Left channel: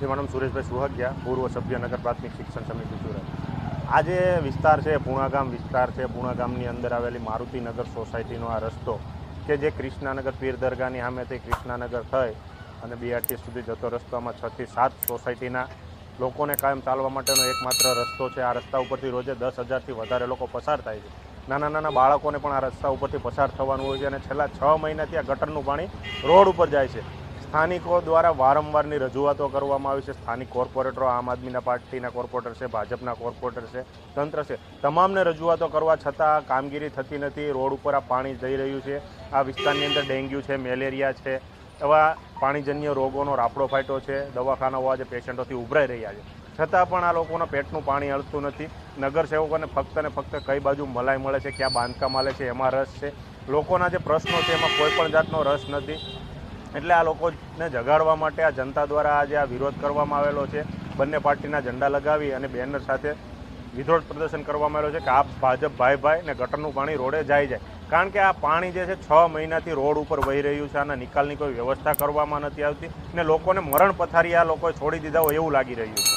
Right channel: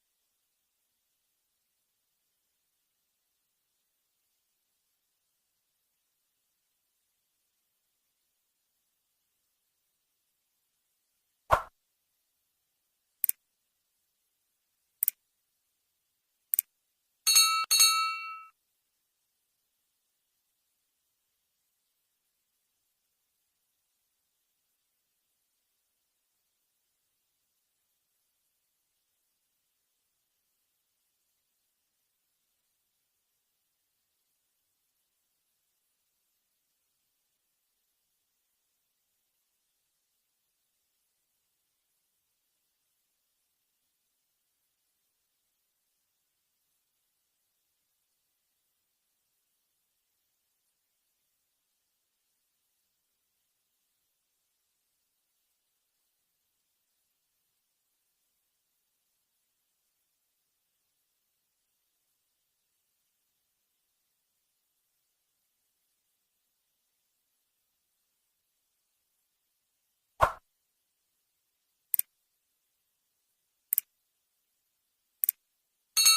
જેમાં નામ સુરેશભાઈ સુહગિયા, પૂર્વ સભ્ય નગર પ્રાથમિક શિક્ષણ સમિતિ સુરત. આ જે વિસ્તાર છે, પૂણાગામ વિસ્તાર છે, પૂણાગામની અંદર આવેલી મારુતિનગર સોસાયટીનો આ રસ્તો કે જે કૃષ્ણાનગર પીર દરગાહની સામેથી કૃષ્ણાનગર થઈ અને બીઆરટીએસ સુધી જતો રસ્તામાં 6 થી 7 સોસાયટીના લોકોને કાયમ ચાલવા માટેનો એકમાત્ર રસ્તો છે. આ રસ્તા ઉપરથી રોજે 10,000થી વધારે લોકો પસાર થાય છે. નાના નાના બાળકોને પણ આ રસ્તા ઉપરથી પસાર થવાનું હોય છે અને છેલ્લા 6 મહિનાથી આ ગટરનું પાણી રોડ ઉપર જાય છે. સ્થાનિકો દ્વારા વારંવારની રજૂઆતો કરવામાં આવી છે. સ્થાનિક કોર્પોરેટરો, આમ આદમીના પાર્ટીના કોર્પોરેટર છે, ભાજપના કોર્પોરેટર છે, તંત્ર છે, તમામને રજૂઆતો કરવા છતાં કામગીરી થતી નથી. રોડ ઉપર આ પાણી જઈ રહ્યું છે. આ વિસ્તારની અંદર ડેન્ગ્યુ છે, મેલેરિયા છે, એવા પાણીજન્ય રોગોનો રાફડો ફાટ્યો છે. દવાખાનાઓ આજે પેશન્ટોથી ઉભરાઈ રહ્યા છે, છતાં પણ આ લોકોના પેટનું પાણી હલતું નથી. નગરસેવકોને ફક્ત ને ફક્ત કઈ બાજુ મલાઈ મળે છે, ક્યાં બાંધકામ આલે છે એમાં રસ છે. લોકોના જે પ્રશ્નો છે એમાં કોઈ પણ જાતનો રસ નથી. એટલે આ લોકોને જગાડવા માટે આ જનતા દ્વારા આજે આ વિરોધ કરવામાં આવેલો છે. બંને પાર્ટીના ઝંડા લગાવી અને બેનર સાથે વિરોધ પ્રદર્શન કરવામાં આવેલો છે કે આ ભાજપ ભાઈ ને ગટરનું પાણી રોડે જાય. કારણ કે આ પાણી જે છે 6 મહિનાથી રોડ ઉપર વહી રહ્યું છે. આના નિકાલની કોઈ વ્યવસ્થા કરવામાં નથી આવતી ને લોકોને મરણ પથારી આ લોકોએ છોડી દીધા હોય એવું લાગી રહ્યું છે.